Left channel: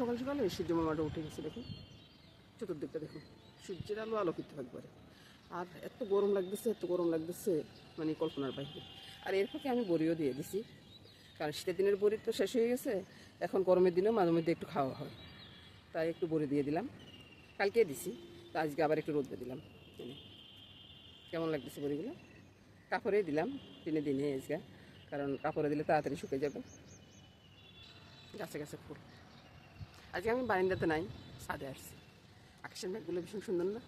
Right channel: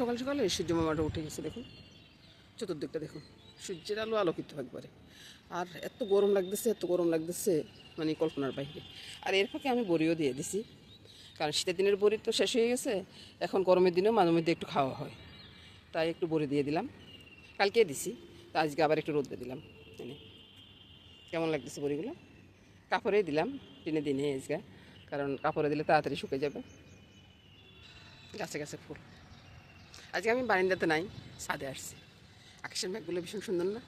সকাল সকালে সূর্য মামাটা উঠে গেছে, দেখুন চতুর্দিকটা দেখুন, সূর্যের আলো আলোকিত একবারে। আর এত গরম লাগতেছে, এত গরম লাগতেছে, মানে কল্পনার বাইরে। আর এর ফাঁকে আমি বড়িও দিয়ে দিছি, কারণ শীতের দিনের বড়ি তো শেষ হয়ে গেছে, এখন গরমের দিনেও মাঝে মধ্যে একটু খাওয়া হয়, তাই একটু বড়ি দিয়ে দিলাম। কালকে দিছি, তো আজকে আবার একটু রোদ দিয়ে দিলাম। কেমন লাগতেছে বড়িগুলো? কাপড়ে দিলাম দিনে দিনে আজকে, কারণ কাপড়ে দিলে তাড়াতাড়ি শুকিয়ে যাবে। গাছে গাছে ফুল। আজকে আমি বারান্দাতে নাই, ছাদে আসছি। আকাশের মেঘগুলো ভীষণ সুন্দর না?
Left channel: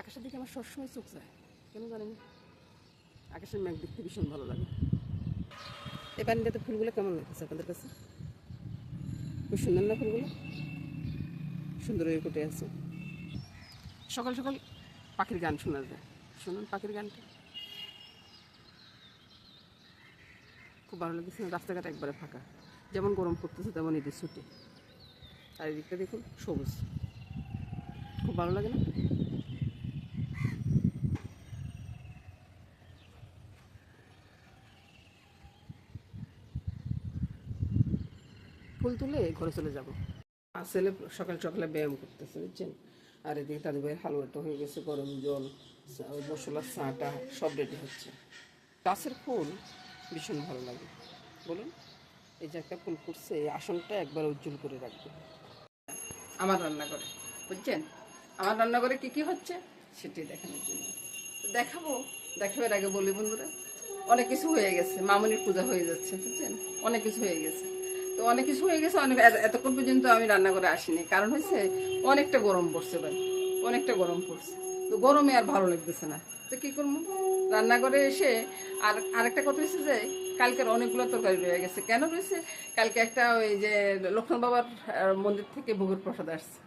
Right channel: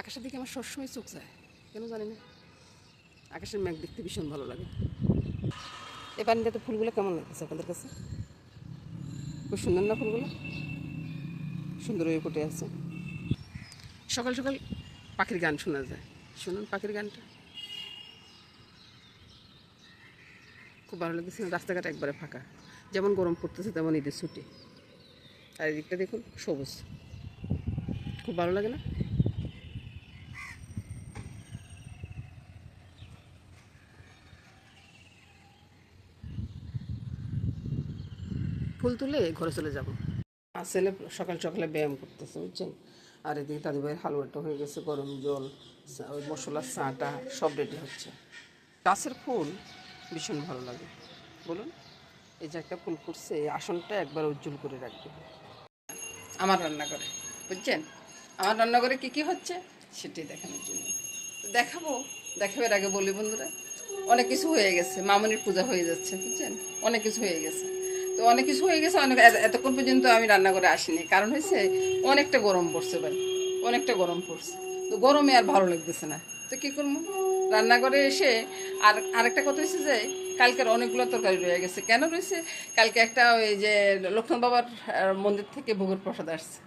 আকাশের দিকে আমার সবসময় চোখ যায়, কেন জানি না, আকাশের মেঘ দেখতে ভীষণ ভালো লাগে। এই বারান্দাতে ফুলগুলো কেমন লাগতেছে আপনাদের কাছে? খুব সুন্দর না ফুলগুলো? সুন্দর হয়ে ফুটে আছে। সকাল সকাল পাখির গান শোনা যায়, শুনুন পাখির গানটা, খুব ভালো লাগতেছে না? রাস্তাঘাট একবারে ফাঁকা, যেমন গরম পড়তেছে তেমন ঈদের ছুটি। আর এদিকটা দেখুন সবুজ, খুব ভালো লাগে না? ফুল তুলে ঘরে চলে যাব। আর ছেলে সকাল সকালে ব্যায়াম করতেছে, বুঝছেন। আর এদিকে দাদু ভাইয়ের হালুয়াটা হয়ে গেছে, গরম জল, ওই মশলার চাটা সব রেডি হচ্ছে। গাছের ফুল ভীষণ ভালো লাগে, বলুন। এই যে একটা ফুল ফুটছে, এই আসনটা একবার উজ্জ্বল করে রাখবে আমার রান্নাঘরে, বুঝছেন। আমার রান্নাঘরে কী কী হচ্ছে সেটাই দেখানোর জন্য দেখাবো। দেখাবার আগে বলি বন্ধুরা, অনেক কিছু হয়ে গেছে, মামনির পূজা হয়ে যাচ্ছে, বুঝছেন। অনেক কিছু হয়ে গেছে, তো অনেক কিছু হয়ে গেছে, অনেক এতক্ষণ পর্যন্ত আমি রান্নাঘরে আসিনি, কারণ হয়েছে অনেকটা গরম পড়ছে ভাই, অনেকটা গরম পড়ছে। তো গরমে আর ভালো লাগতেছে না, তো কী করবো রান্নাঘরে এসে। আর আরেকটা কথা হয়েছে যে কালকের অনেকগুলো তরকারি রয়ে গেছে। কেন রয়েছে? কালকে একটা ওই যে লক্ষ্মণ বাবার মন্দির থেকে ভোগের প্রসাদ আসছে,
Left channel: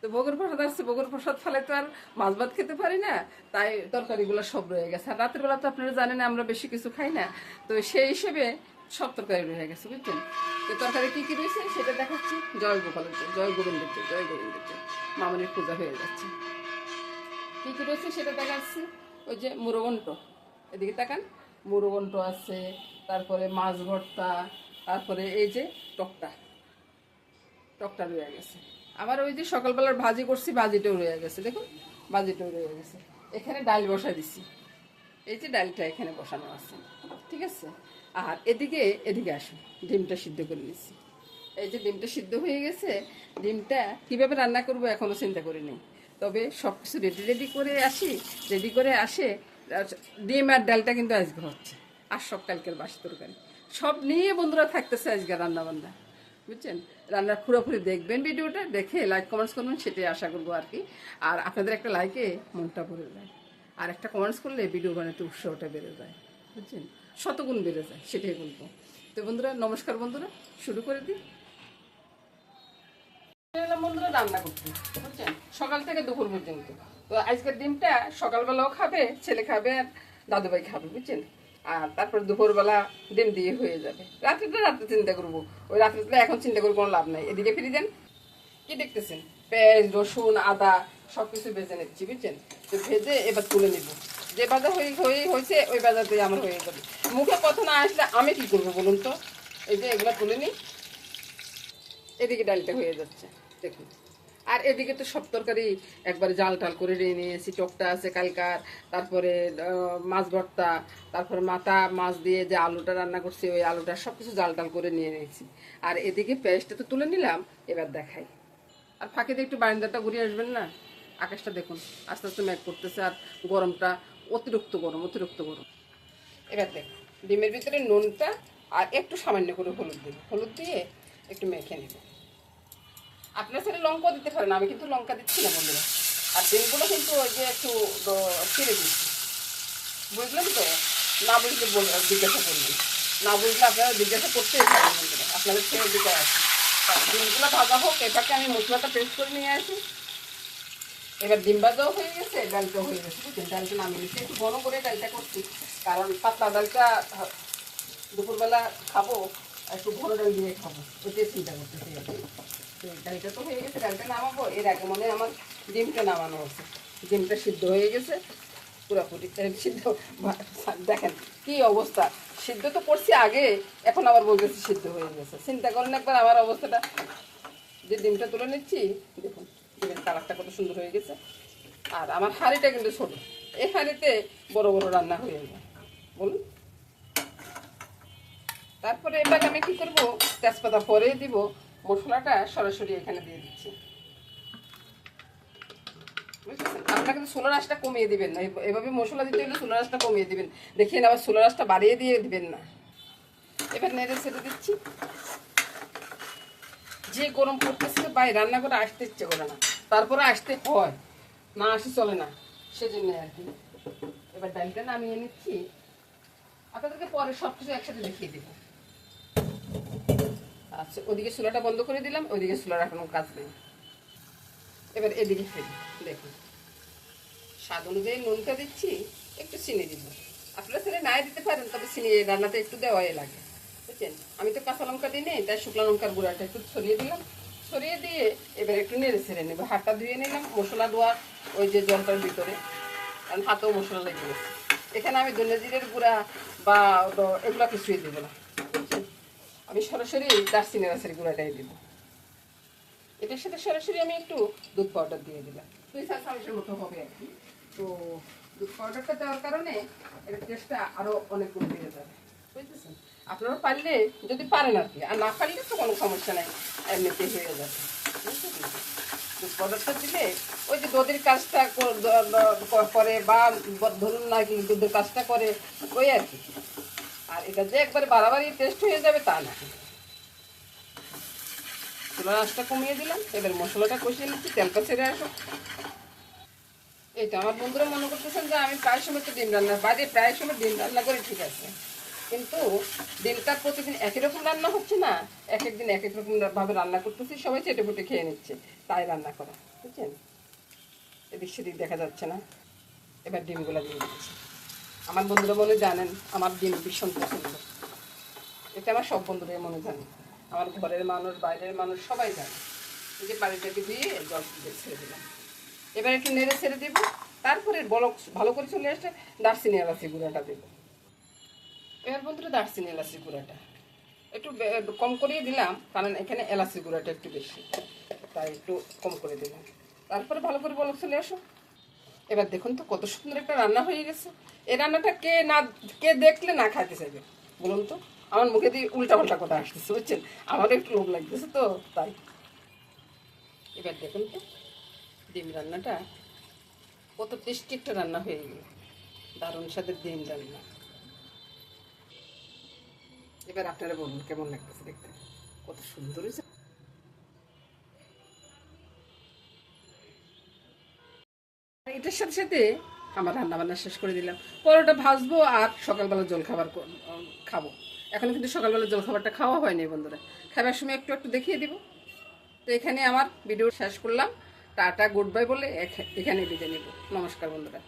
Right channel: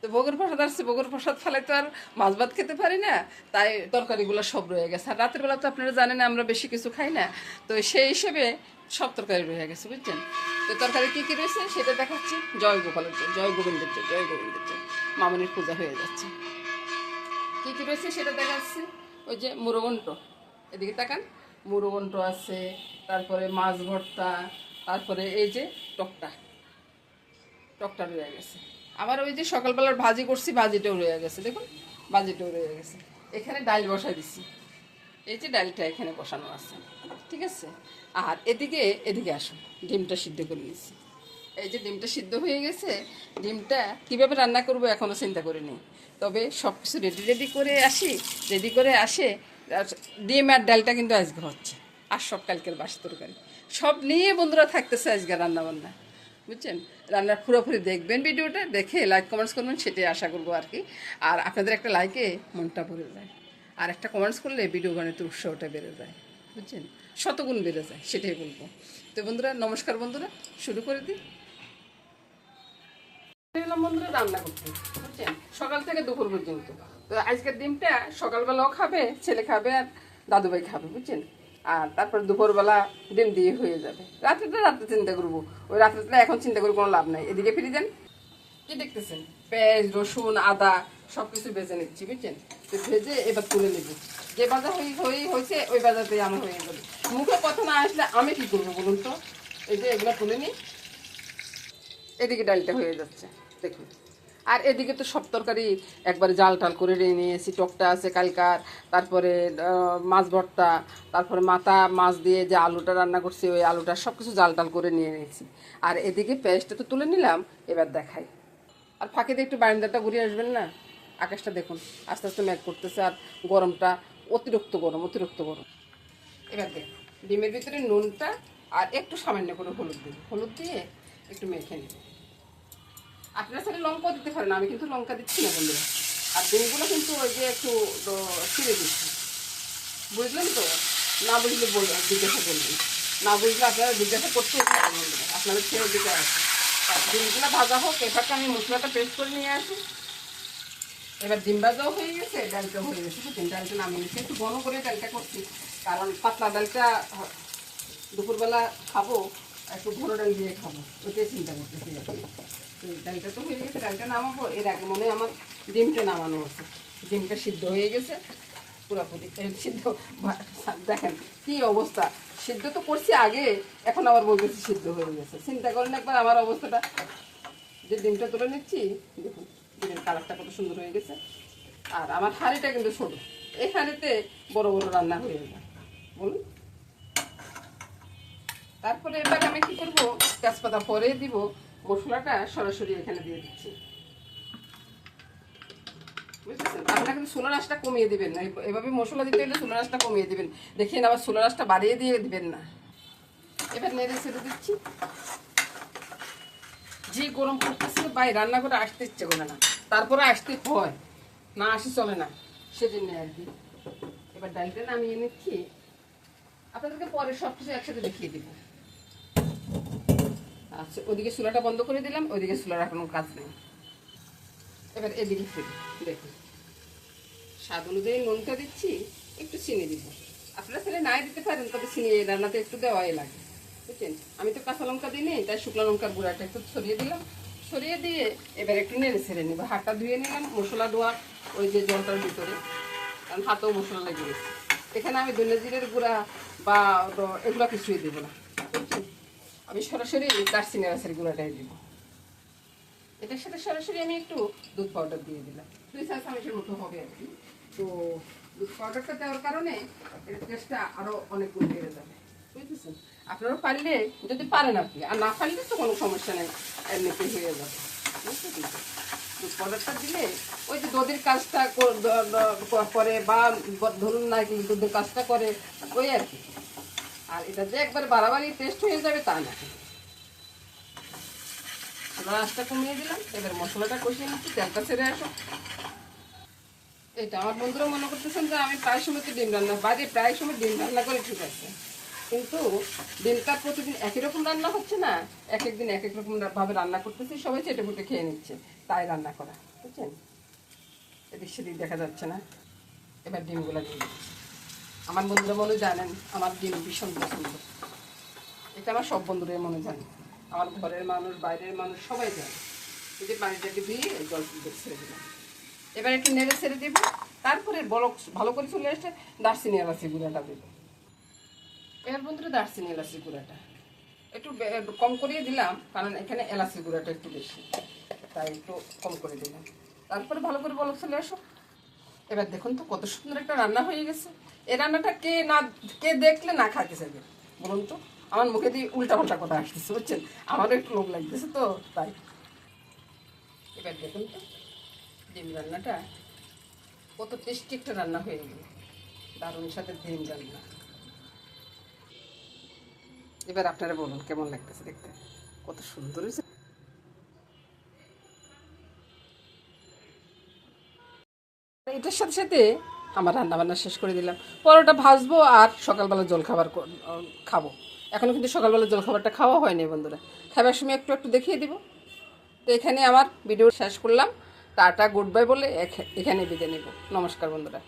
তো ভোগের প্রসাদ আসছে, ভোগের প্রসাদ ফেলে তো আর মাছ ভাত খেতে পারি না, তাই তরকারিগুলো সব রয়ে গেছে। আর রাতের বেলা তো আপনারা জানেন আমরা বেশি কিছু খাই না, তো সেই হিসেবে সব তরকারি রয়ে গেছে, বুঝছেন। তো তরকারি কী কী রয়েছে সেটা দেখাচ্ছি। জয় গোপালের জয়, জয় গোবিন্দের জয়, জয় গোবিন্দের জয়। মামনির পূজা হয়ে যাচ্ছে। কী কী রয়েছে সেটা দেখাচ্ছি। ওই যে মুড়োঘণ্ট, এদিকে তাকান, মুড়োঘণ্ট আছে, তারপরে মাছ ভর্তা, তারপরে এই যে টকটা, টকটা রয়ে গেছে। আবার ওই যে সকালবেলার ভাজি করছি, ভাজিটাও রয়ে গেছে, দেখুন ভাজিটাও রয়ে গেছে। এখানে ডাল বসাই দিছি, এই যে ডালটা এখানে বসানো আছে, ঠিক আছে। আর এদিকে এদিকে আসুন, ডিমটা সিদ্ধ করে নিয়েছি। এই যে ডিমটা সিদ্ধ হয়ে গেছে, ডিমটা কীভাবে রান্না করবো এখনও চিন্তা করিনি, তবে সব কিছু রেডি রেডি করে আসি, রেডি করে আসে। ডিম আর ডালটা কিন্তু আজকে হচ্ছে, আর সব কালকের বাসি তরকারি সব নিয়ে বন্ধুরা থাকতেছে আজকে রান্নাবান্না, বুঝছেন। রান্নার পুরোপুরি দেখবেন, ভিডিওটা দেখে লাইক কমেন্টস করবেন, সেটাই আশা করবো আর কি। আর আপনাদের একটা লাইকে মনটা ভরে যায়, আর একটা কমেন্টস করলে ভিডিও বানাতে উৎসাহটা বেড়ে যায়, বুঝছেন, শতগুণ বেড়ে যায়, সেটাই বলবো। তো বন্ধুরা নমস্কার, বন্ধুরা শুরু করে দিই। এলাম বন্ধুরা রান্না করতে, বুঝছেন, সকাল থেকে দুপুর পর্যন্ত। তো আজকের ডিমটা সকালবেলাও খাবে, ছেলে খাবে, আর দাদুভাই খাবে, বুঝছেন। আর তারপর দুপুরবেলা ডিম দিয়ে হয়ে যাবে। রাত্রেটা রাত্রে চিন্তা করবো, ওই রাত্রেটা এখন চিন্তা করে কোনো লাভ নাই। এদিকে ফিরে দেন, কি দেখতেছেন, পেঁয়াজ রসুন আদা সব কিছু বেজে নিচ্ছি, বুঝছেন। তো ভেজে এবার তুলে নিব। যে বাজার হয়েছে ওই বাজারতে আমার হয়ে যাবে। মুখে কথা না আসলে আমি কি করবো বলুন তো। এই যে এগুলো তুলে নিই, এদিকে ডালটা হয়ে যাচ্ছে দেখুন। আর এদিকে তো সব তরকারি একবারে জাল টাল করে নিয়েছি, টকটা আছে কালকার, তারপরে মাছ ভর্তা, তারপরে মাথা মাছ দিয়ে যে আলুটা রান্না করছি ওই আলুটা সব কিছু জাল টাল করে নিয়ে নিয়েছি। আর এদিকে পেঁয়াজটা তো তুলে নিলাম, এবার দেখাই। আর ফাঁকিতে একটু বারান্দাটা ঘুরে আসবেন না, আকাশটা দেখুন আস্তে আস্তে মেঘ করতেছে, আর গরমটা অতিরিক্ত গরম, অতিরিক্ত গরম। এবার দেখুন ডিমের ভিতরে নুনটা আর একটু সামান্য করে হলুদ দেব, হলুদ দিয়ে একটু মেখে নেব। আপনার সাথে লঙ্কাও দিতে পারেন, আমি কিন্তু লঙ্কা দিচ্ছি না বন্ধুরা। আর ডিমগুলো কিন্তু ওই যে একটু ছিঁড়ে দিচ্ছি, বুঝলেন তো। না বুঝলে জিজ্ঞাসা করবেন, না বুঝলে আপনারা জিজ্ঞাসা করতেই পারেন বন্ধুরা, আপনাদের ছেড়ে দিতে আসে। ডিমগুলো ভাজা হোক, এটাকে আমি মশলাটা পেস্ট করে নিয়ে আসি। এবার ডিম ভাজাও হয়ে গেছে, ডালটাও হয়ে গেছে, বুঝছেন। ডালটা নামিয়ে নিচ্ছি, একটু ঘন করে ডালটা করছি, কারণ পাতলা ডালটা দুপুরবেলা খাবো, আর একটু ঘন ডাল দিয়ে খাবো, ওটাই চিন্তা করতেছি। ডালটা তো হয়ে গেছে, ডালটা নামাবো। এর আগে মনে হয় আমার ডিমটা নামানো হয়েছে, ডিমটা সিদ্ধ হয়ে গেছে পুরোপুরি সিদ্ধ। দেখেন কি অবস্থা, সিদ্ধ তো করছি আগে, এখন আবার বলতেছি সিদ্ধ হয়ে গেছে। চিন্তা করেন একবার আমার অবস্থাটা, যে ডিমটা তুলে নিচ্ছি, দেখুন ডিমের কালারটা কত সুন্দর হয়ে গেছে। আর আমার হাঁড়িটা কিন্তু ছোট, এই হাঁড়িতে বড় বড় রান্না হয়ে যায় বলুন। তারপরে এবার আমি কি করব, তেজপাতা পরে দিব, মশলাটা সরাসরি এখানে দিয়ে দিচ্ছি, বুঝেছেন? আপনারা কিন্তু চুলার আঁচটা কমিয়ে দিবেন না, এভাবে মশলা দিতে হলে চুলার আঁচটা কমিয়ে দিবেন, দেখেন আবার চুলার আঁচটা বাড়িয়ে দিয়ে দিবেন না। এবার নেড়ে ছেড়ে দিচ্ছি। যে গরম করতেছে ভাই, রান্না করে আসতে ইচ্ছে করে না, তারপরে আসতে হয়, না আসে চলে না, সেজন্য আর কি। এবার ডালটা নামিয়ে নিচ্ছি, আপনাদেরকে পরে সব কিছু একসাথে দেখিয়ে দিব। আচ্ছা, ওদিকে চুলাটা বন্ধ করে দিলাম, ওইদিকে চুলার কোনো কাজ নেই। এবার এদিকে ফেলি, দেখুন স্বাদ অনুযায়ী নুনটা দিচ্ছি, একটু চিনি দিব। আপনারা ছেলে নাই দিতে পারেন, তবে চিনি রান্নাতে একটু দেওয়াই লাগে, বুঝছেন? আমি তো কাঁচা লঙ্কা দিই নেই, তাই শুকনো লঙ্কার গুঁড়াটা একটু ছড়িয়ে দিলাম। ছড়িয়ে দিয়ে এবার একটু নেড়ে ছেড়ে নেবো, হাতটা ধুয়ে নিলাম মশলা দেওয়া ওই যে জলটার ভিতরে, কারণ হাতেও মশলা লেগে গেছে। এখানে আমি ধনে জিরের গুঁড়া বা এগুলো কিছুই দেবো না, বুঝছেন? আমি সরাসরি দারচিনি এলাচের গুঁড়াটাই দিব। এটার সাথে সরাসরি আমি একটু দুধ পাউডার দিয়ে দিলাম, 2-4 চামচের মতো হবে আর কি। তো দুধ পাউডারটা দেওয়ার কারণে এর টেস্টটা আরও অনেক গুণ বেড়ে যাবে, বুঝতেছেন? আপনারা পারলে, যদি পারেন আর কি, আর না পারলে তো কোনো সমস্যা নাই, এমনিতেই হয়ে যাবে, বুঝতেছেন? দুধ পাউডারটা দিলে ওই যে দুধের কাজটা করে, বা ধরুন না কি দুধের কাজটা করে, ওই আর কি। আর এটা যে একবারে বাড়াবাড়ি টেস্ট হয়ে যাবে তা না। চুলার আঁচটা কমিয়ে দিলাম, এবার মশলাটা কষিয়ে নিচ্ছি, তেলটা ছেড়ে আসো। এটা আমার বন্ধুরা মনে করতেছেন যে আমি প্রায় সময় তো ডিম রান্না, বাইরে প্রায় সময় ডিম রান্না করে, ঠিক আছে, কিন্তু ডিমটা প্রতিদিন একই রকম রান্না হচ্ছে না, এক একদিন এক এক রকম ভাবে রান্না করতেছি, সবাই চেটে পুটে খেয়ে নিচ্ছে, তাই রান্না করা, বুঝছেন? এদিক সেদিক দেখা যাচ্ছে না। এবার ডিমগুলো দিয়ে দিচ্ছি। আমার বন্ধুরা মনে জানেন আমার ডিম ভীষণ পছন্দ, এটা আমার সব বন্ধুরা মনে জানে, আমার ঘরের মানুষ বাইরের মানুষ সবাই জানে। এই যে পানিটাকে দিয়ে জল ছেড়ে দিলাম, এবার একটু নেড়ে ছেড়ে দিব। তারপরে বলক ভালো করে চলে এসে দারচিনি এলাচি গুঁড়াটা দেবো। এবার বন্ধুরা দারচিনি এলাচি গুঁড়াটা একটু কম করিয়ে দিলাম, কারণ এখানে এলাচি গুঁড়াটা একটু বেশি, তাই একটু কম করে দিলাম। তারপরে ভালো করে বলক চলে আসো। এবার দেখুন তো কত সুন্দর একটা রান্না হয়ে গেছে। এই রান্নাটা কে দেখলে না খাইতে চাইবে বলুন তো? আমার মুখে দিয়ে উল্টা পাল্টা কথা আসতেছে, বুঝছেন? আমারও একটু লোভ লাগতেছে তো তাই। এবার দেখুন তো ডিম রান্নাটা কত টেস্টি একটা রান্না হয়ে গেল, দারুণ সাথে ডিম রান্না। এবার আপনারা বলুন কেমন লাগতেছে দেখতে, কত সুন্দর হয়েছে। এটার সাথে সাথে আমার রান্না বান্না শেষ করে দিলাম, পরোটা ভাজবো আর সকালবেলা জল খাবার খাবো। এখনো কিন্তু সকালবেলা জল খাবারটা খাওয়া হয়নি বন্ধুরা, খাবার সময় একটু একটু দেখিয়ে দিব। তো এখানে আমার ভিডিও শেষ করলাম, টাটা গুড বাই বলে এখানে বিদায় নেব। নমস্কার বন্ধুরা।